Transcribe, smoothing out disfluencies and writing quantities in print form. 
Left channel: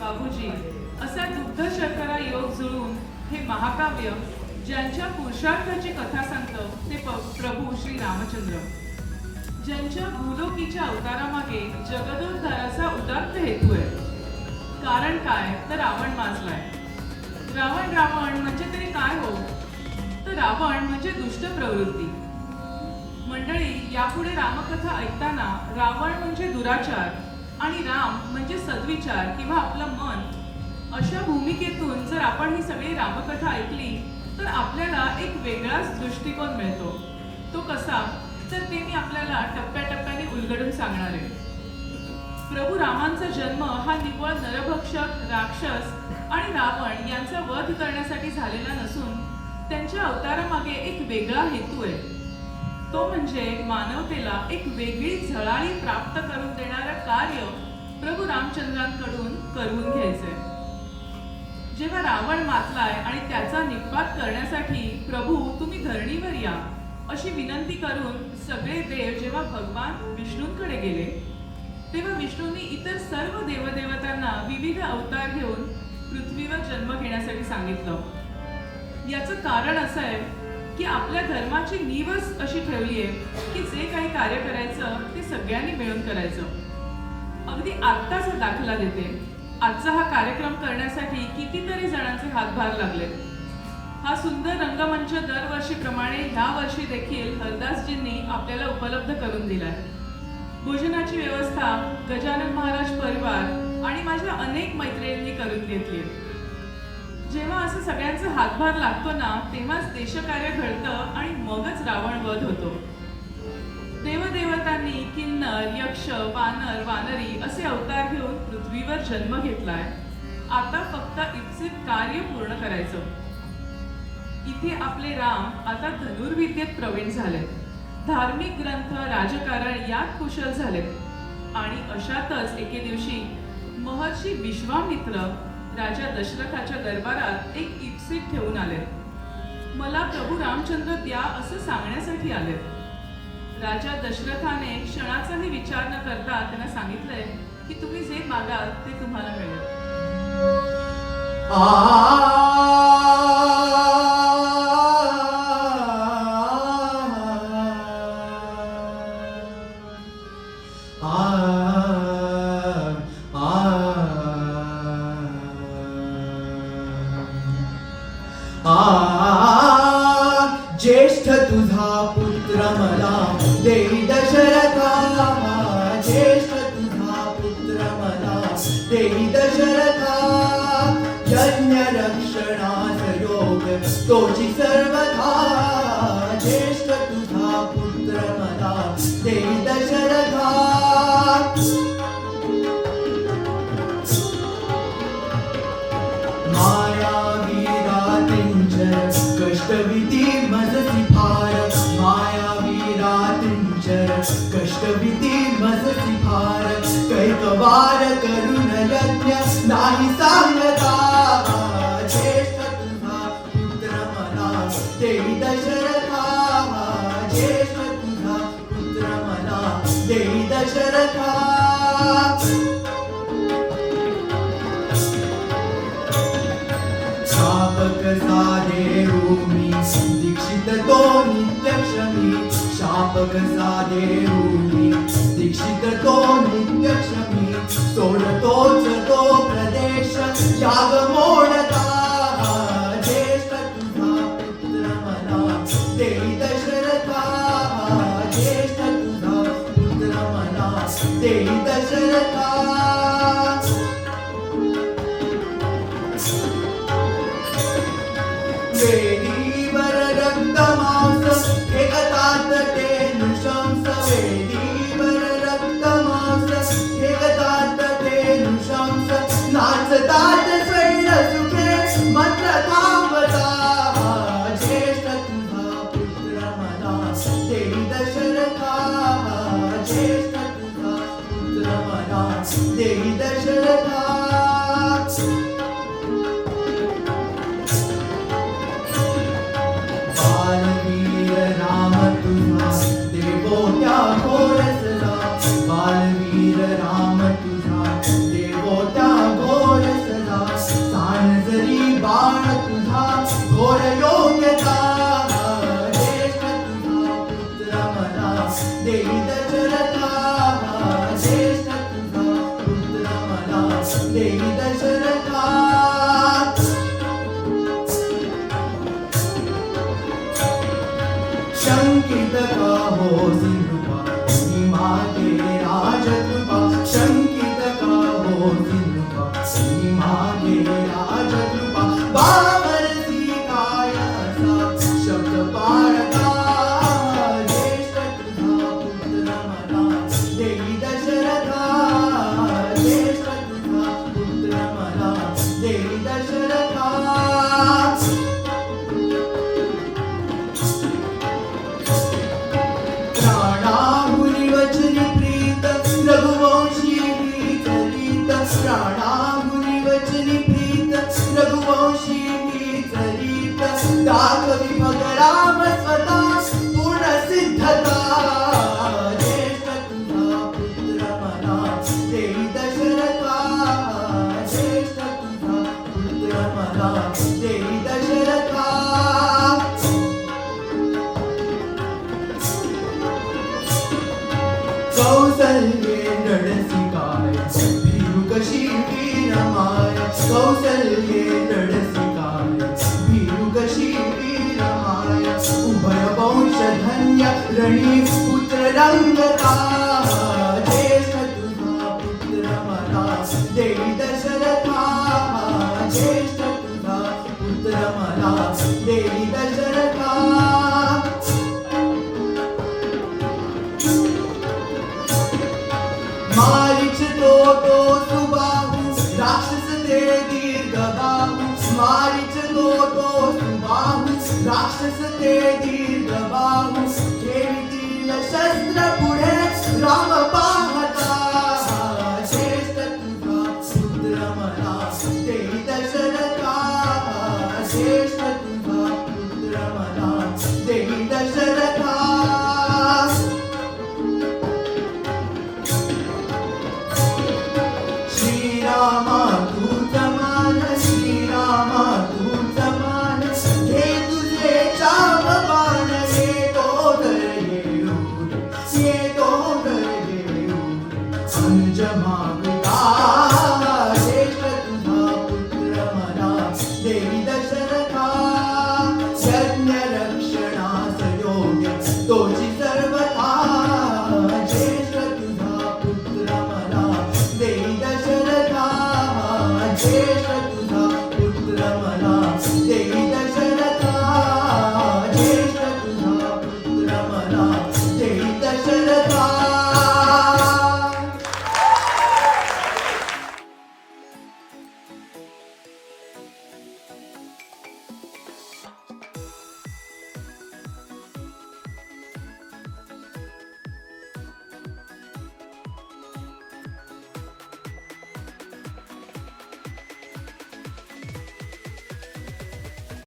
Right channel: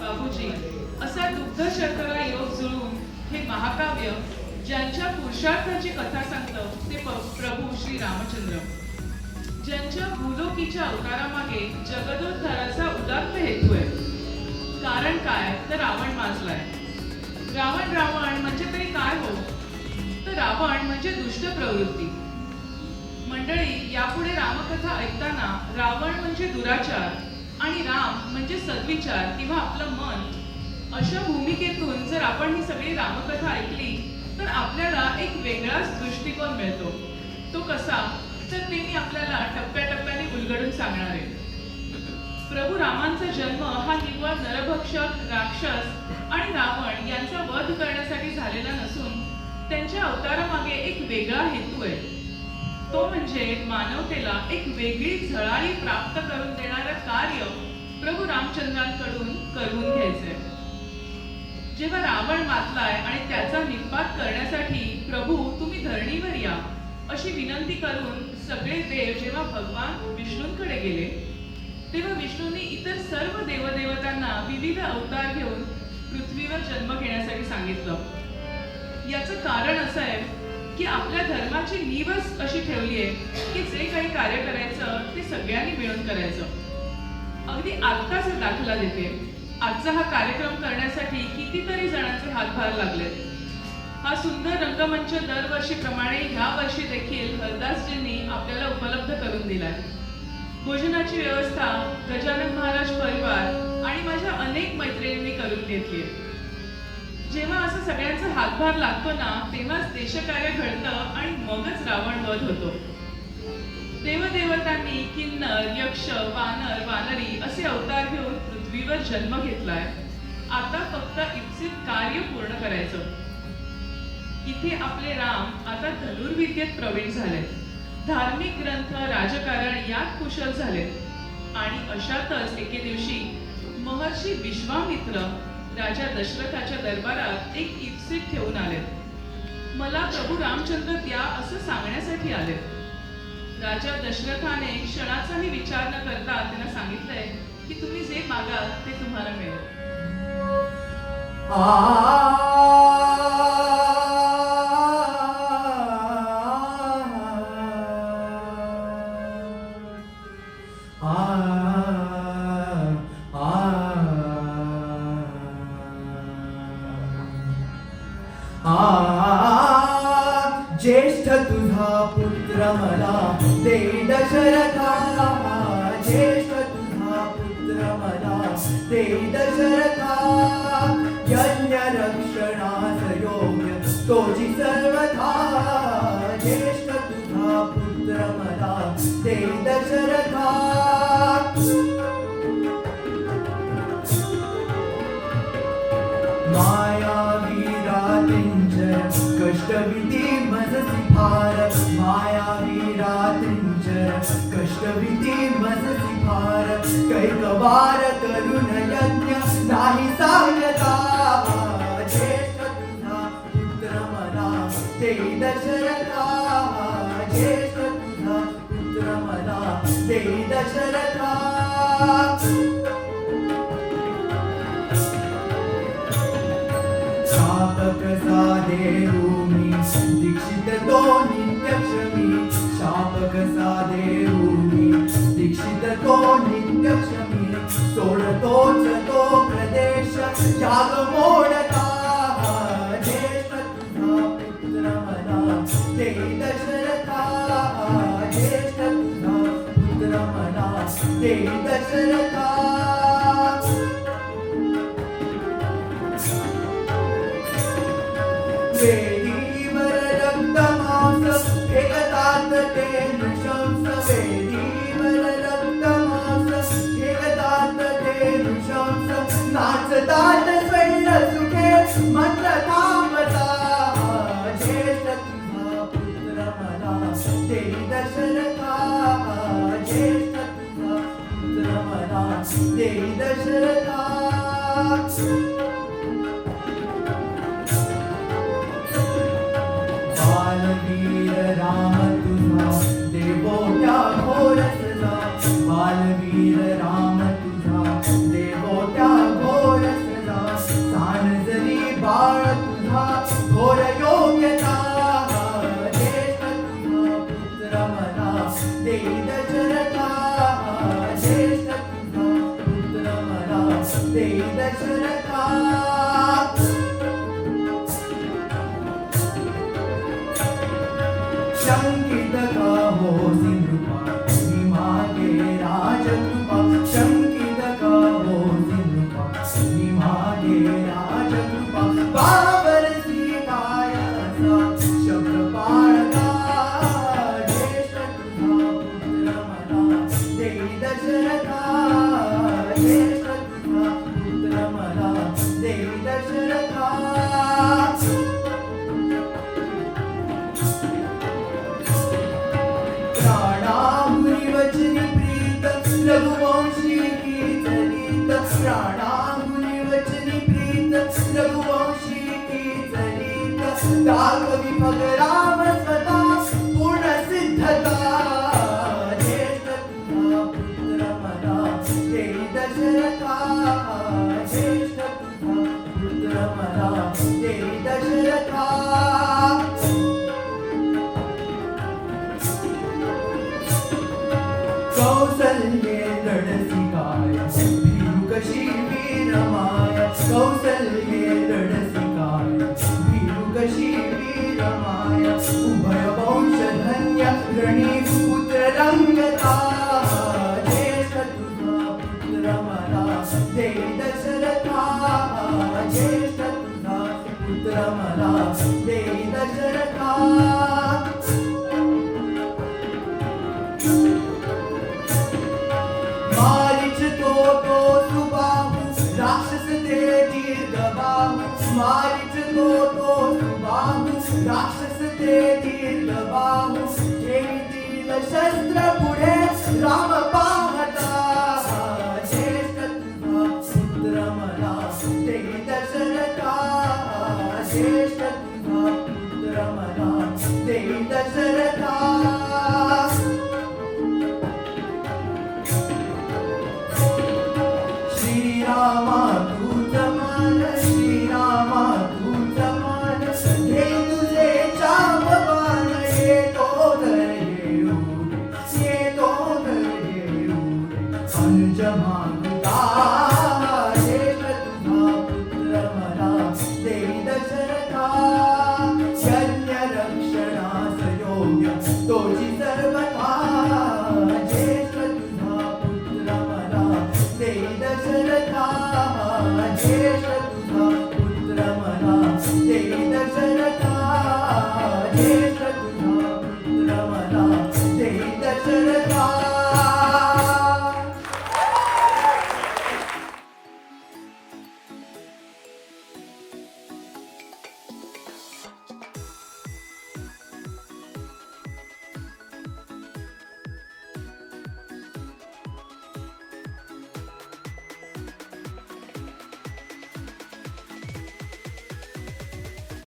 बाबूजी असा दुग्ध शर्करा योग जुळून हे महाकाव्य ज्यांच्या पुरुषार्थाची कथा सांगतं ते प्रभू श्री रामचंद्र, ज्यांच्या भूलोकीच्या अवतारामागे जगदोद्धाराचा उदात्त हेतू आहे. कारण काय तर रावण माजलाय. रावण रावण म्हणजे तरी काय हो, तर रावण म्हणजे दुष्ट प्रवृत्ती. मंडळी, यापुढे रामकथा ऐकताना रावण म्हणजे दुराचार आणि राम म्हणजे सद्विचार किंवा आपलं मन, अशा भूमिकेतून जर आपण ही सगळी रामकथा ऐकली तर आपल्याला एक वेगळाच दृष्टिकोन मिळतो. तो कसा तर ते मी आपल्याला टप्प्याटप्प्याने उलगडून सांगणार आहे. प्रभू रामांचा जन्म हा निव्वळ नरभक्षक, राक्षस आणि रावण यांचा वध करण्यासाठी झालेला नसून त्यांच्या अवतारामागे एक वेगळा हेतू आहे. तो म्हणजे मानवतेला एक वेगळी झळाळी प्राप्त करून देणारं कार्य प्रभू रामचंद्रांकडून करून घ्यायचंय. जेव्हा रावण मातलाय आणि त्याचा निपात करण्यासाठी प्रभू तुम्ही धरणीवर या अशी विनंती करून सगळे देव जेव्हा भगवान विष्णूंकडे गेले तेव्हा विष्णूंनी इतर सर्व देवदेवतांना विविध अवतार घेऊन पृथ्वीवर जन्म घेण्यासाठी सांगितलं. याचं कारण असं आहे की आपल्या धर्माची नीवच अशी ठेवली आहे की जे काही कार्य करायचं ते सगळ्यांनी मिळून करायचं. अगदी आत्ताचा दाखला देते. आजचा हा कार्यक्रम करण्यासाठी कितीतरी जणांचे हातभार लागले. हा सुंदर रंगमंच दरवर्षीप्रमाणे ह्या वर्षी देखील हरदासजींनी आपल्याला उपलब्ध करून दिलाय. भोजनाची व्यवस्था गजानन महाराज परिवार आणि माझ्या अनेक मैत्रिणींनी करून घेतली. जेव्हा असं सगळ्यांचा हातभार लागतो ना तेव्हाच देशकार्य घडतं आणि मगच रावण वध होतो. देवदेवतांनी किन्नर, यक्ष, वानर, वानरी असे अवतार घेऊन पृथ्वीवर जन्म घेतलाय. आता फक्त इप्सित कार्य पूर्ण करायचं. इथे आपले राम आता धनुर्विद्येत प्रवीण झालेत, धार्मिक ग्रंथ, राजकारण यात कुशल झालेत आणि अशातच एके दिवशी महर्षी विश्वामित्र राजा दशरथाच्या दरबारात एक इप्सित ठेवून आलेत. मला प्रभू रामचंद्र द्या असं सांगण्यासाठी आलेत. राजा दशरथाने क्षणाचाही विचार न करता त्यांना सांगितलंय की तुम्ही जे मागाल ते तुम्हाला मिळेल. ज्येष्ठ तुझा पुत्र मला देई दशरथा, ज्येष्ठ तुझा पुत्र मला देई दशरथा, यज्ञ रक्षणास योग्य तोची सर्वथा, ज्येष्ठ तुझा पुत्र मला देई दशरथा. कष्टविधी मजसी भार, मायावीरा त्रिंचर कष्टविधी मजसी भार, कैकवार करुण यज्ञ नाही सांगता, ज्येष्ठ तुझा पुत्र मला देई दशरथा, ज्येष्ठ तुझा पुत्र मला देई दशरथा. दीक्षित तो नित्यक्षमी, शापक साधे रूमी दीक्षित तो नित्यक्षमी, सोडतोच तो प्रदेश याग मोडता, ज्येष्ठ तुझा पुत्र मला देई दशरथा, ज्येष्ठ तुझा पुत्र मला देई दशरथा. वेदीवर रक्त मांस एकतात ते नृशंस, वेदीवर रक्त मांस एकतात ते नृशंस, नाचतात सैन्य सुखे मात्र थांबता, ज्येष्ठ तुझा पुत्र मला देई दशरथा, ज्येष्ठ तुझा पुत्र मला देई दशरथा. बालवीर राम तुझा देवोट्या घोरसला, बालवीर राम तुझा देवोट्या घोरसला, कौसल्ये नडसिकाय भिरू कशी वीरमाया कौसल्ये नडसिकाय भिरू कशी वीरमाया उभय वंशधन्य रणी पुत्र रंगता ज्येष्ठ तुझा पुत्र मला देई दशरथा ज्येष्ठ तुझा पुत्र मला देई दशरथा मारीच तो सुबाहू राक्षस ते दीर्घ बाहू मारीच तो सुबाहू राक्षस ते दीर्घ बाहू ठेवीतील शस्त्र पुढे राम पाहता ज्येष्ठ तुझा पुत्र मला देई दशरथा ज्येष्ठ तुझा पुत्र मला देई दशरथा श्रीरामा तुझ मान श्रीरामा तुझ मान हे तुझे चाप बाण येतो अनुज मागता ज्येष्ठ तुझा पुत्र मला देई दशरथा यज्ञ रक्षणास योग्य तोची सर्वथा ज्येष्ठ तुझा पुत्र मला देई दशरथा ज्येष्ठ तुझा पुत्र मला देई दशरथा ज्येष्ठ